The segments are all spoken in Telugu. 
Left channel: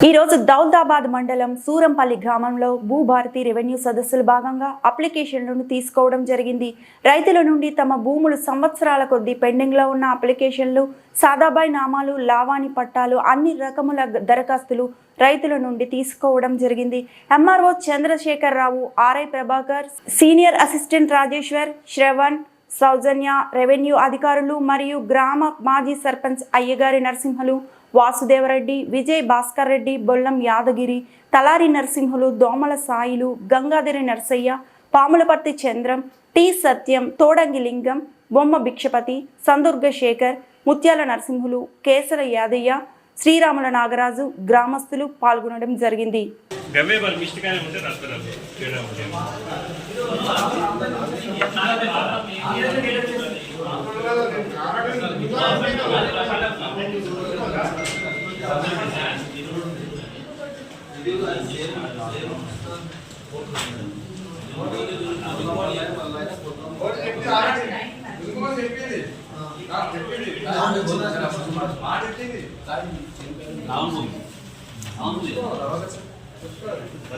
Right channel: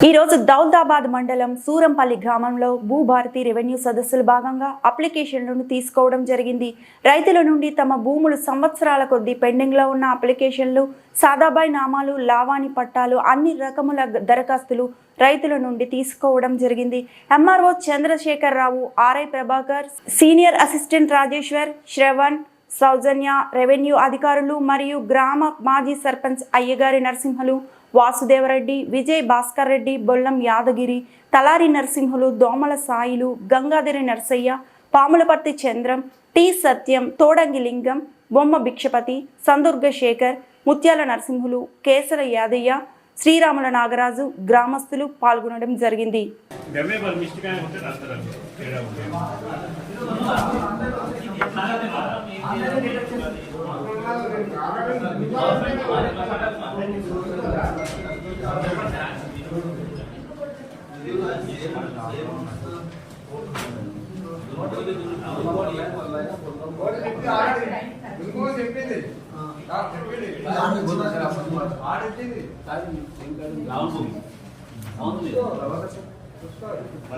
ఈ రోజు దౌదాబాద్ మండలం సూరంపల్లి గ్రామంలో భూభారతి రెవెన్యూ సదస్సులు భాగంగా అప్లికేషన్లను తీసుకోవడం జరిగింది. రైతుల నుండి తమ భూములు సంవత్సరాల కొద్దీ పెండింగ్లో ఉన్న అప్లికేషన్లు సాదాబాయి నామాలు లావాణి పట్టాలు అన్ని రకముల దరఖాస్తులు రైతుల నుండి తీసుకోవడం జరిగింది. MRO Chandrasekhar Rao RI Prabhakar senior assistant Rajeshwar Shravan Soujanya revenue అధికారులు మరియు గ్రామ మాజీ సర్పంచ్ అయ్యగారి నరసింహలు వాసుదేవరెడ్డి విజయ్ భాస్కర్ రెడ్డి బొల్లం యాదగిరి తలారి నరసింహులు దోమల సాయిలు గంగాధరి నర్సయ్య పాములపర్తి చంద్రం టి సత్యం తోడంగి లింగం బొమ్మ భిక్షపతి సందుర్గ శేఖర్ ముత్యాల నరసింహులు కేసర యాదయ్య శ్రీరాముల నాగరాజు గ్రామస్తులు పాల్గొనడం జరిగింది.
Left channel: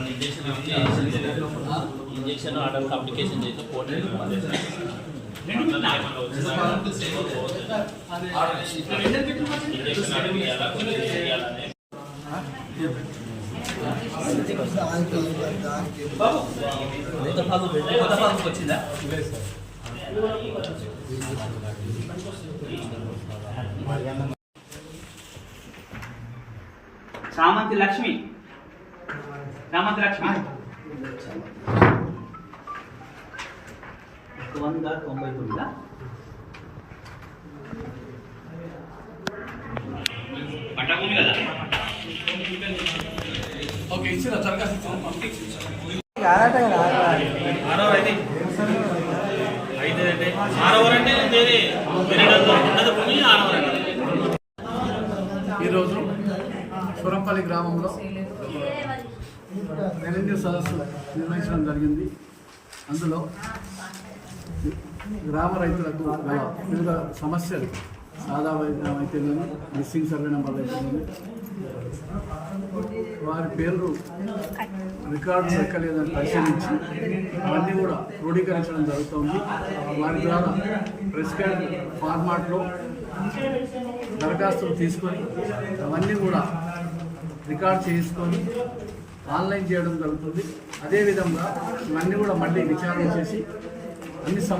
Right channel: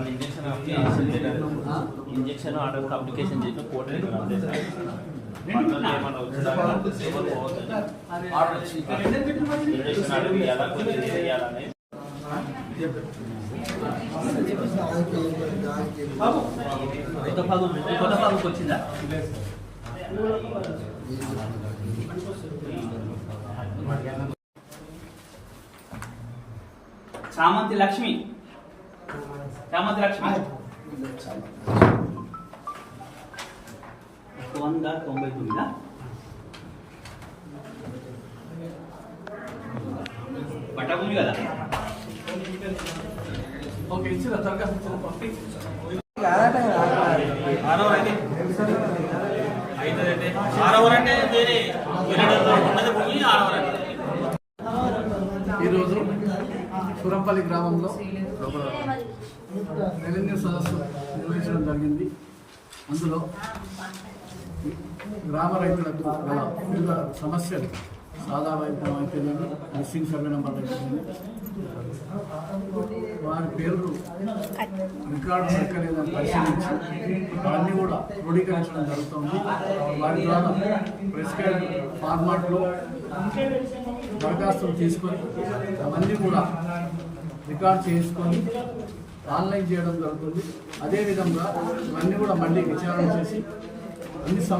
ఇంజక్షన్ ఇంజక్షన్ ఆర్డర్ అప్లికేషన్ చేసి కోర్టు ఏమన్నా వచ్చిందా ఇంజక్షన్ ఆర్డర్ ఇవ్వాలా కొద్దిగా ఇవ్వాలని వచ్చిందా చామంతి లక్ష్మి. చామంతి లక్ష్మి. వంద తొంభై తొమ్మిదా పట్టకుంది కదా? ఆరో అయితే. అయితే అయితే ఆరవర్ అంటే వేరే వేరే ఉన్నది భూమి ఆరవర్ అంటే. ఈరోజు సురంపల్లి గ్రామంలో ఒక రెవెన్యూ సదస్సు నిర్వహించడం జరిగింది. అందులో గ్రామ రైతులకు గల వివిధ సమస్యలు సాదా వైద్యం అయితేనేమి మిస్సింగ్ సర్వే నెంబర్లు అయితేనేమి వారి పేర్లు రికార్డు ఎక్కలేదని పరిశీలించి అవన్నీ కూడా క్రోడీకరించడం జరుగుతుంది. వారి ద్వారా ప్రిస్క్రైబ్ ఫార్మాట్లో దరఖాస్తులు తీసుకొని అవన్నీ కూడా రికార్డ్ చేసుకొని ఆన్లైన్ చేయడం జరుగుతుంది. అదేవిధంగా ఇవన్నీ కూడా మళ్ళీ విచారణ చేసి అన్ని సమస్యలు